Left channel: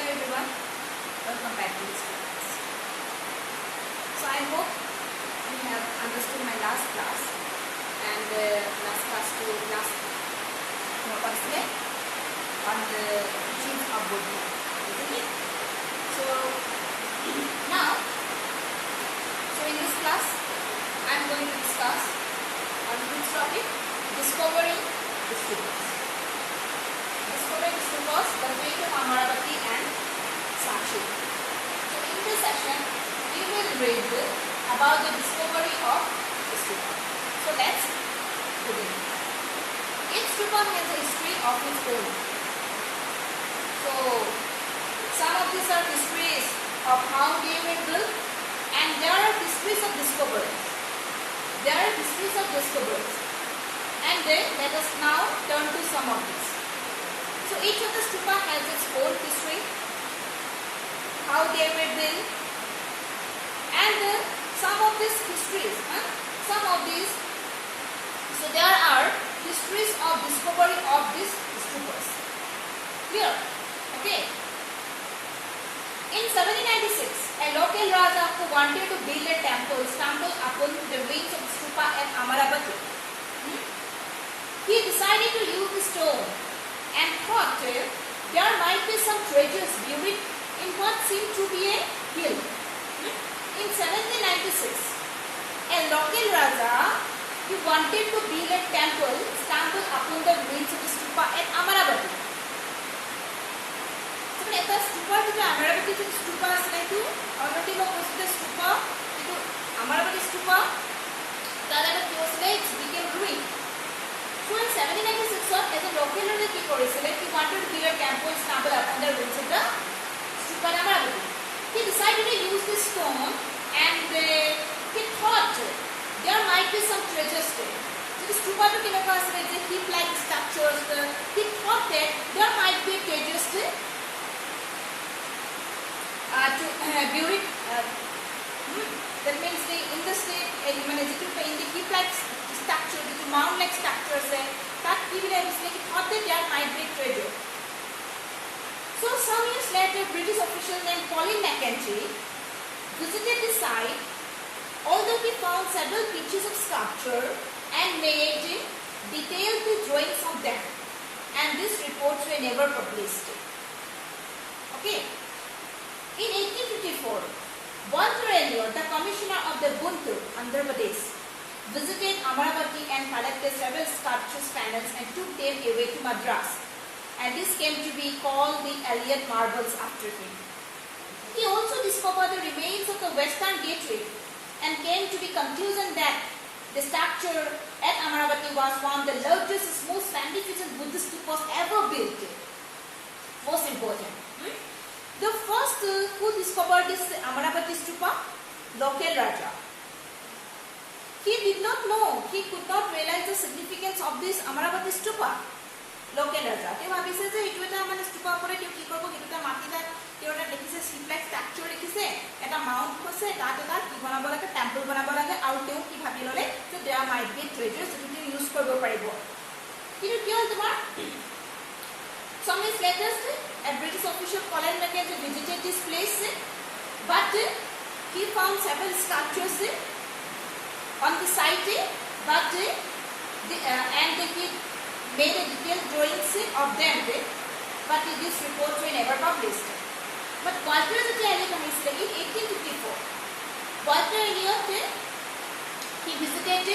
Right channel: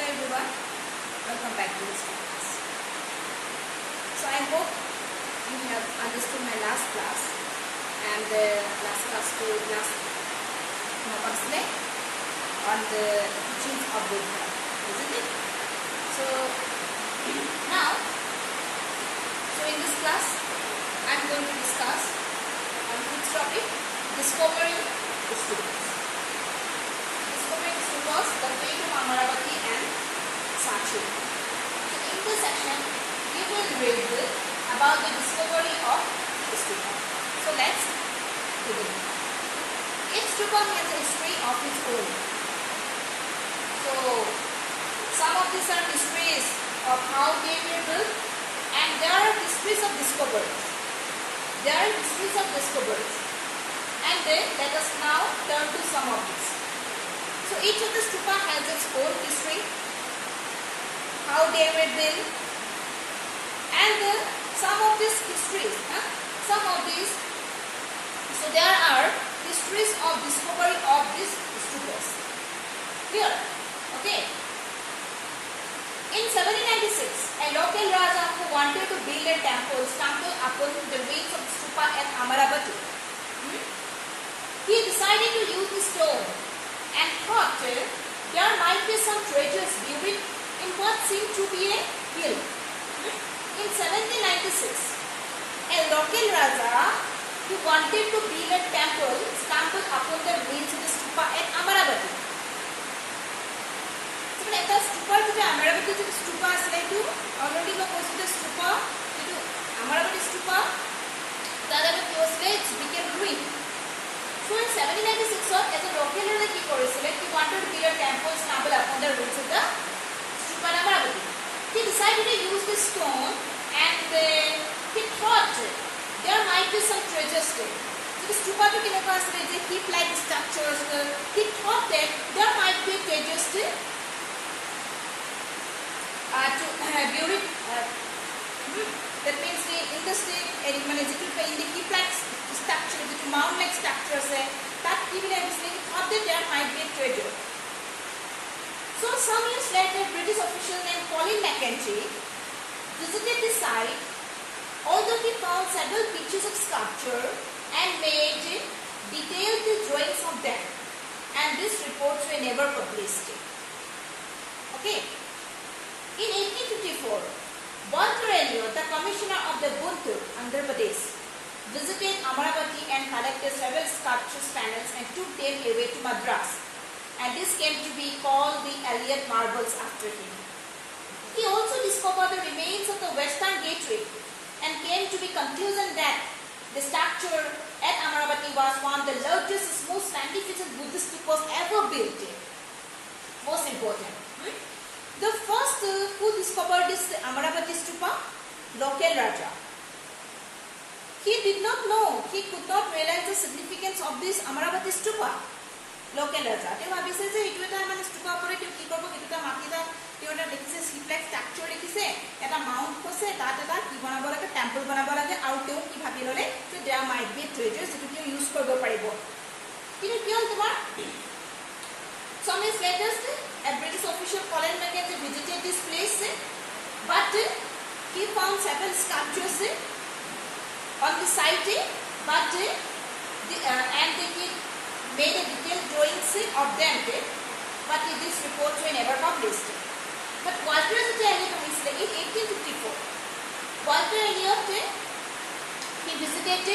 Hello everyone, welcome back to this class. So I hope you have understood my last class and last on the teachings of Buddha, isn't it? So now, in this class I am going to discuss on which topic? Discovering the stupas. Discovering the stupas, the fate of Amaravati and Sanchi. So in this session, we will read about the discovery of the stupa. So let's begin. Each stupa has a history of its own. So some of these are histories of how they were built, and there are histories of discoveries. And then let us now turn to some of these. So each of the stupa has its own history, how they were built, and some of these histories, so there are histories of discovery of these stupas. Clear? Okay. In 1796, a local Raja who wanted to build a temple stumbled upon the ruins of the stupa at Amaravati. He decided to use the stone and thought there might be some treasures buried in what seemed to be a hill. In 1796, a local Raja who wanted to build a temple stumbled upon the ruins of the stupa at Amaravati. এটা স্তূপাৰ যেটা আমাৰাৱতী যে স্তূপা আছিল এইটো already মই কৈছোঁ যে স্তূপা যেটো আমাৰাৱতী স্তূপা তাত এবাৰ কি হৈছিলে it's became ruin so in 1796 as a local raja কি কৰিছিলে he wanted to build a temple stumbled upon the ruins of the stupa at Amaravati. He decided to use this stone and he thought there might be some treasures there. So the stupa to কেনেকুৱা আছিল যে heap like structures. He thought that there might be treasures there. To bury that means in the state in the keep like structure the mound like structure say that even thought that there might be treasure. So some years later, British official named Colin Mackenzie visited the site, although he found several pieces of sculpture and made detailed drawings of them, and these reports were never published. Okay. In 1854, Walter Elliot, the commissioner of the Guntur, Andhra Pradesh, visited Amaravati and collected several sculptures panels and took them away to Madras. And this came to be called the Elliot marbles after him. He also discovered the remains of the Western Gateway and came to the conclusion that the structure at Amaravati was one of the largest, most magnificent Buddhist stupas ever built. Most important. The first who discovered this Amaravati stupa? Local Raja. He did not know, he could not realize the significance of this Amaravati stupa. Local Raja. They ভাবিছে যে এটো এটা মানে stupa পরে কেউ কি করব এটোটা মাটিটা কেউটা দেখিছে সিপ্লেক্স স্ট্রাকচার লিখিছে এটা মাউন্ট করছে তাত এটা কি বনাব লাগে টেম্পল বনাব লাগে আৰু তেও কি ভাবি ললে যে দেয়ার মাইট বি ট্রেজার্স যেটো তেও ইউজ কৰিব পাৰিব কিন্তু কি হল তোমাৰ some years later a British official Colin Mackenzie visited this place but he found several sculptures on the site but and he made a detailed drawings of them but these reports were never published. But Walter Elliot in 1854 Walter Elliot he visited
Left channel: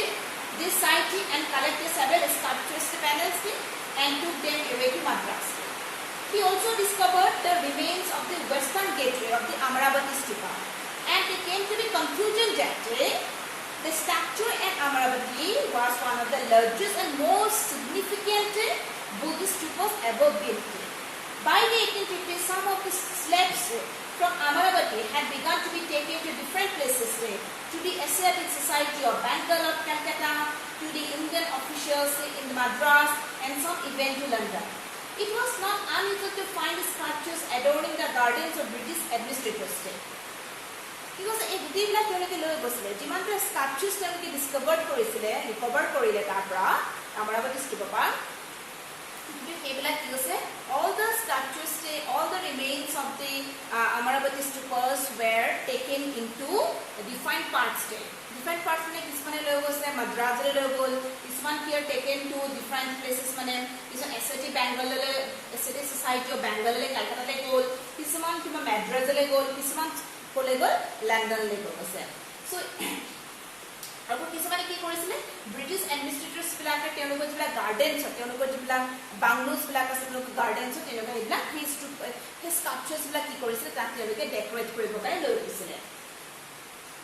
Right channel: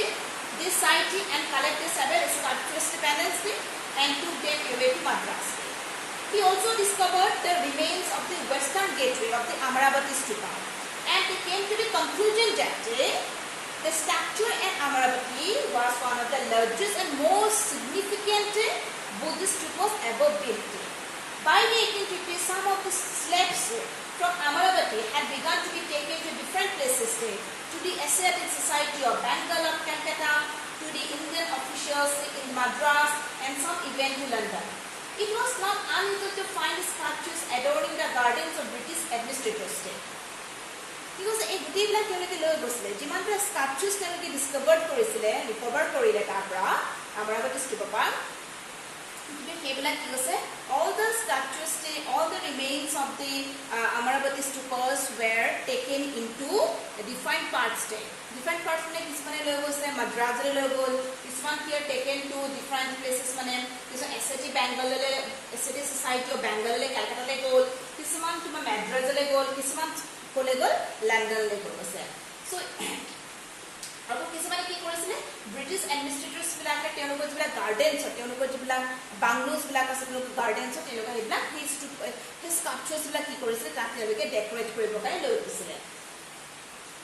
this site and collected several sculptures panels and took them away to Madras. He also discovered the remains of the Western Gateway of the Amaravati stupa, and they came to the conclusion that the structure at Amaravati was one of the largest and most significant Buddhist stupas ever built. By the 1850s, some of the slabs from Amaravati had begun to be taken to different places, to the Asiatic Society of Bengal of Calcutta, to the Indian officials in Madras, and some even to London. It was not unusual to find sculptures adorning the gardens of British administrators. Because a goodilla তেওঁলোকে লৈ গৈছিলে যিমানটা স্কাল্পচাৰ্ছ তেওঁলোকে ডিসকভাৰ কৰিছিলে recover কৰিলে তাৰ পৰা Amaravati stupa সেইবিলাক কি হৈছে all the structures all the remains of the Amaravati stupas were taken into defined parts. Defined parts mane kismane loi goise Madras le loi gol, kisman here taken to different places mane kisun SAT Bangalore le SAT Society of Bangalore le Calcutta le gol, kisman tuma Madras le gol, kisman kole gol London le gol goise. So আৰু কিছুমানে কি কৰিছিলে British এডমিনিষ্ট্ৰেটৰ্ছ বিলাকে তেওঁলোকৰ যিবিলাক gardens তেওঁলোকৰ যিবিলাক বাংলোজ বিলাক আছে তেওঁলোকৰ গাৰ্ডেনছ তেওঁলোকৰ এইবিলাক সেই স্কাল্পচাৰ্ছ বিলাক কি কৰিছিলে তাক তেওঁলোকে ডেকৰেট কৰিবৰ কাৰণে লৈ গৈছিলে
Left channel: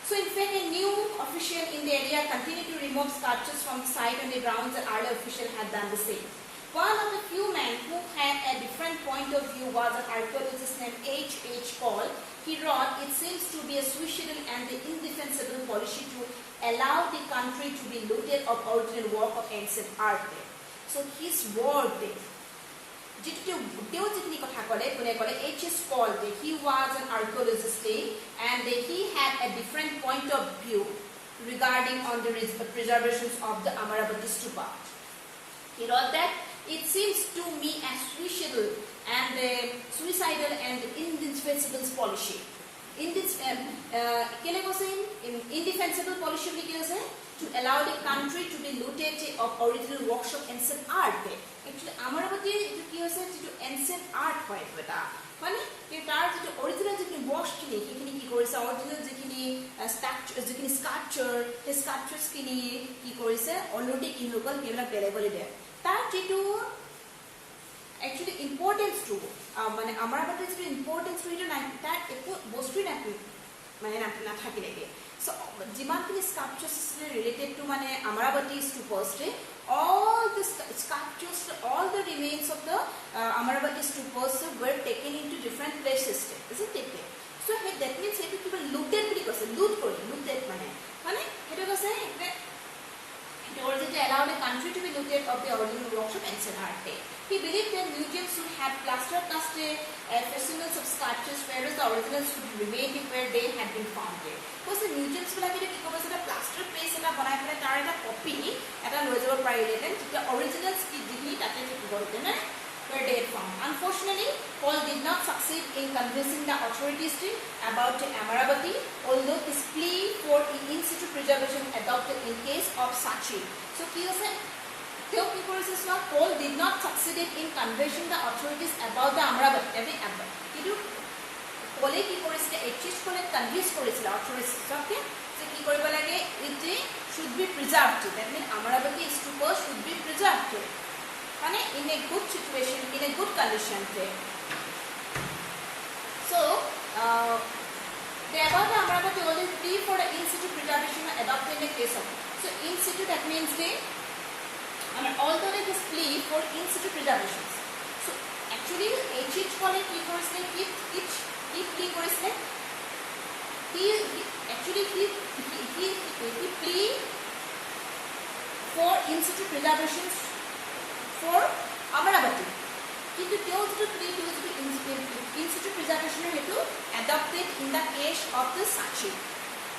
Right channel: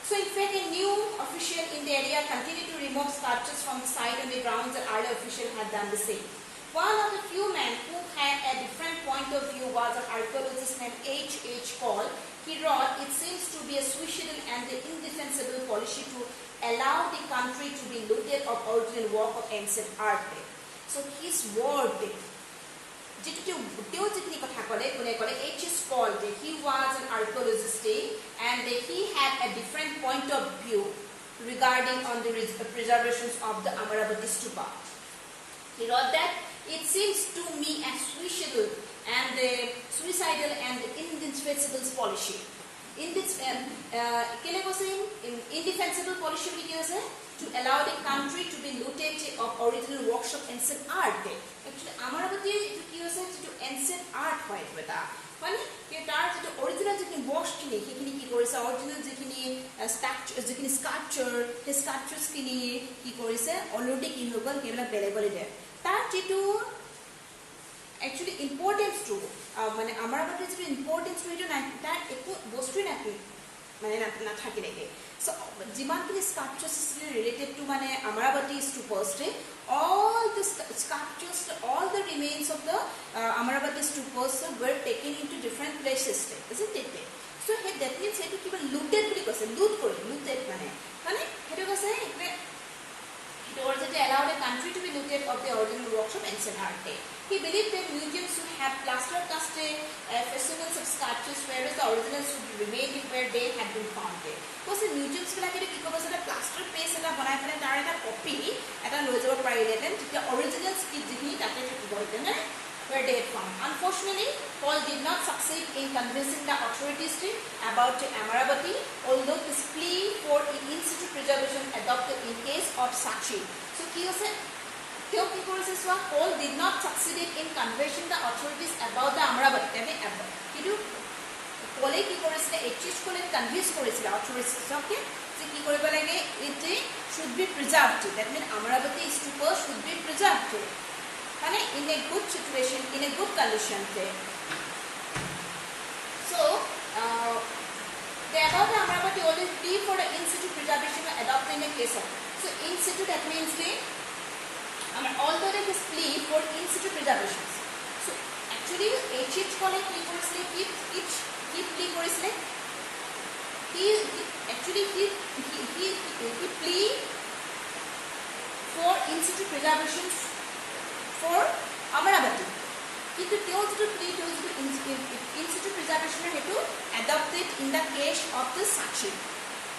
So in fact, a new official in the area continued to remove sculptures from the site on the grounds that earlier official had done the same. One of the few men who had a different point of view was an archaeologist named H.H. Cole. He wrote, "It seems to be a suicidal and indefensible policy to allow the country to be looted of original work of ancient art." So his word, যিখিনি কথা ক'লে কোনে ক'লে H.H. Cole, he was an archaeologist and he had a different point of view regarding on the preservations of the Amaravati stupa. He wrote that it seems to me as suicidal and indefensible policy. Indefensible policy to allow the country to be looted of original works of ancient art. Actually, Amaravati is ancient art. মানে তাৰ যেটো original যিখিনি box খিনি সেইখিনি কি কৰিছে original যিখিনি structure যিখিনি স্কাল্পচাৰ সেই স্কাল্পচাৰ্ছ খিনি কি কৰিছে অলৰেডি কি হৈ গ'ল সেইবিলাক বেলেগলৈ দিয়ে তাৰ যেটো একচুয়ালি ইম্পৰ্টেন্স টু মানে Amaravati যেটো ইম্পৰ্টেন্স টু এটা তাৰ একো বস্তুই মানে নাথাকিলেগে সো যিমানখিনি স্কাল্পচাৰ্ছ ৰিলেটেড টু মানে Amaravati stupas all the sculptures, all the remains of the Amaravati stupas were taken into different places, isn't it? So that means it to be looted because looted mane hetu kase it already allowed a country to be looted of the original works of ancient art. He believed that museums should have plaster cast facsimils of sculptures, whereas the originals should remain where they had been found. Because the museums like it because a plaster paste and a copy at a lower priority, the originals where they had found. Unfortunately, Paul did not succeed in convincing the authorities about Amaravati, although his plea for in situ preservation adopted in case of Sachi. So, Paul did not succeed in convincing the authorities about the Amaravati. Paul H.H. Cole convinced authorities it should be preserved. That means Amaravati stupa should be preserved in a good situation, in a good condition. So, the above the Amaravati always plea for the in situ preservation adopted in a case of. So, in situ that means although there is plea for in situ preservations. So, actually H.H. Cole he plea for in situ preservations for Amaravati. Kintu teo to plea to in situ preservation hetu adopted in the case of the Sachi.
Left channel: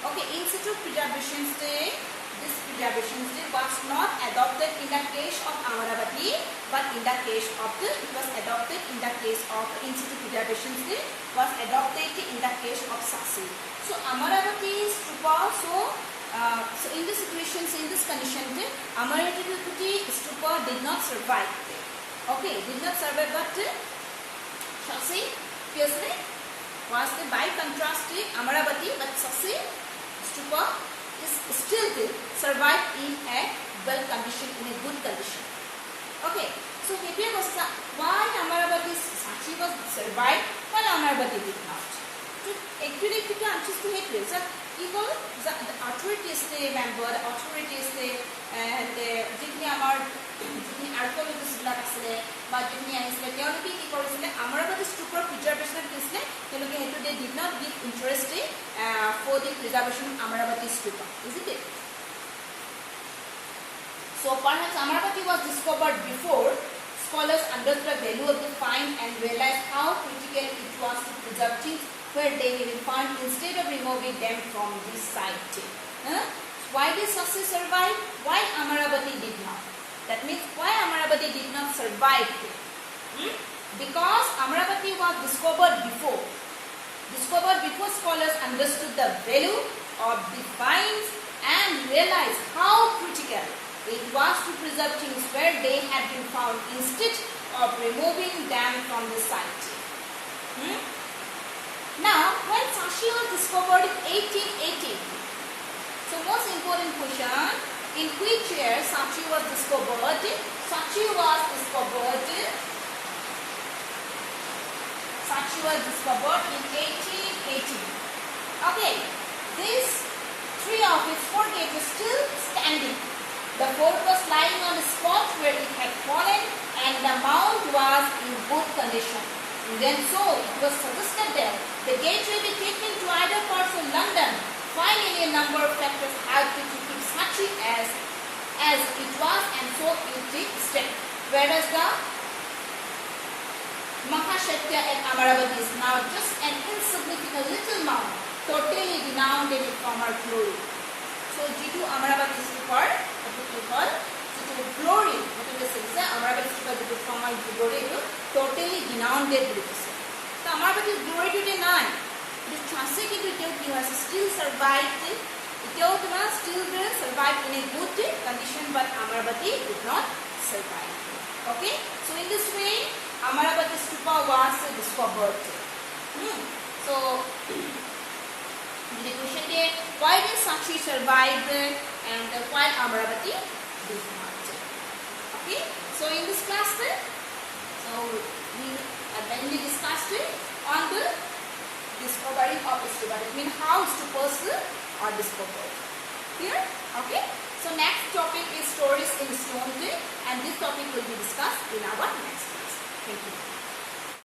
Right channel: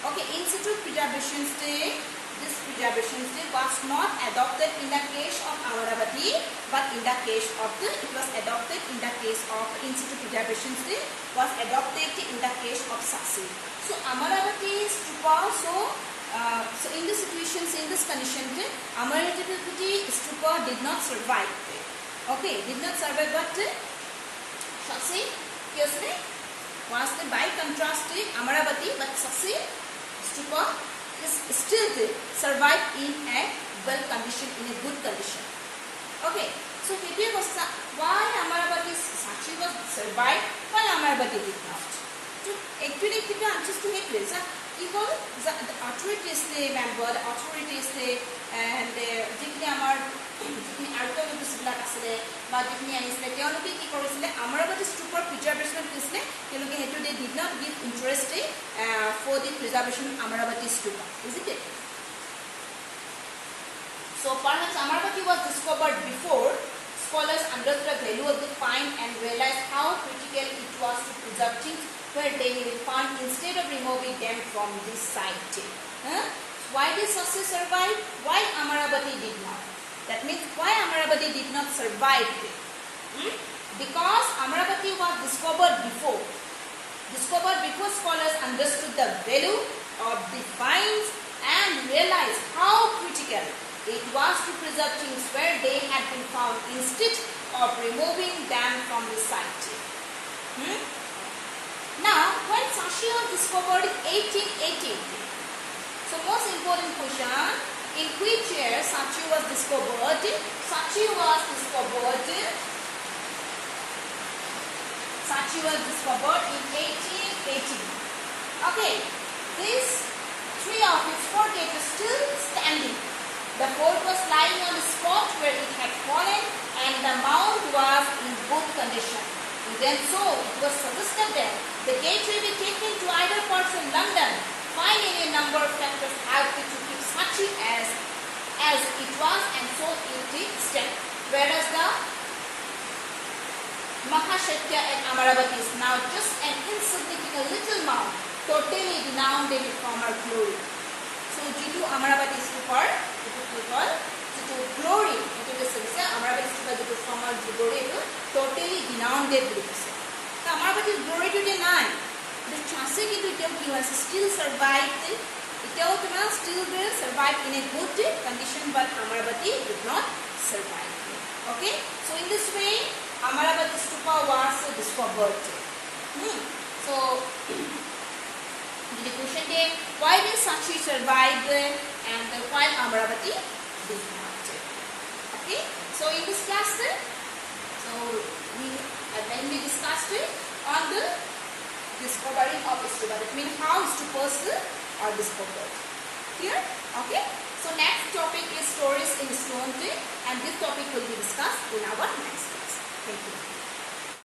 Okay, in situ preservations this preservation was not adopted in the case of Amaravati, but in the case of it was adopted in the case of in situ preservation was adopted in the case of Sachi. So Amaravati stupa so in this situations, in this condition, Amaravati stupa did not survive. Okay, did not survive, but Sachi was by contrast Amaravati, but Sachi stupa is still there, survived in a well condition, in a good condition. Okay, so here was why Amaravati Sachi was survived, while Amaravati did not. So actually, if you answers to hate this, people, the authorities they member, the authorities they and যিখিনি আমাৰ যিখিনি archaeologist বিলাক আছিলে বা যিখিনি আনিছিলে তেওঁলোকে কি কৰিছিলে Amaravati stupa preservation দিছিলে তেওঁলোকে হেতু they did not give interest for the preservation of Amaravati stupa, isn't it? So perhaps Amaravati was discovered before scholars understood the value of the find and realized how critical it was to preserve things where they have been found instead of removing them from this site. Why did Sachi survive? Why Amaravati did not? That means why Amaravati did not survive? Because Amaravati was discovered before scholars understood the value of the finds and realized how critical it was to preserve things where they had been found instead of removing them from the site. Now, when Sachi was discovered in 1880, so most important question, in which year Sachi was discovered? Sachi was discovered in 1880. Okay, these three of its four gates were still standing. The fort was lying on the spot where it had fallen, and the mound was in good condition. Even so, it was suggested that the gate will be taken to either parts of London. Finally, a number of factors helped it to keep Sachi as it was, and so it did stay. Whereas the Mahashaitya at Amaravati is now just an insignificant little mound, totally renowned in its former glory. So, jitu Amaravati stupar, etu kol, jitu glory, etu jese jese Amaravati stupar jitu former glory etu totally renowned বুলি কৈছে. So, Amaravati's glory today nai. The chance kintu etau ki hoise still survived. Etau tuma still will survive in a good condition, but Amaravati did not survive. Okay? So, in this way, Amaravati stupa was discovered. So, the question is, why did Sachi survive and while Amaravati did not? Okay, so in this class, we discussed on the discovery of stupa. That means how stupas are discovered. Clear? Okay. So next topic is stories in stone, and this topic will be discussed in our next class. Thank you.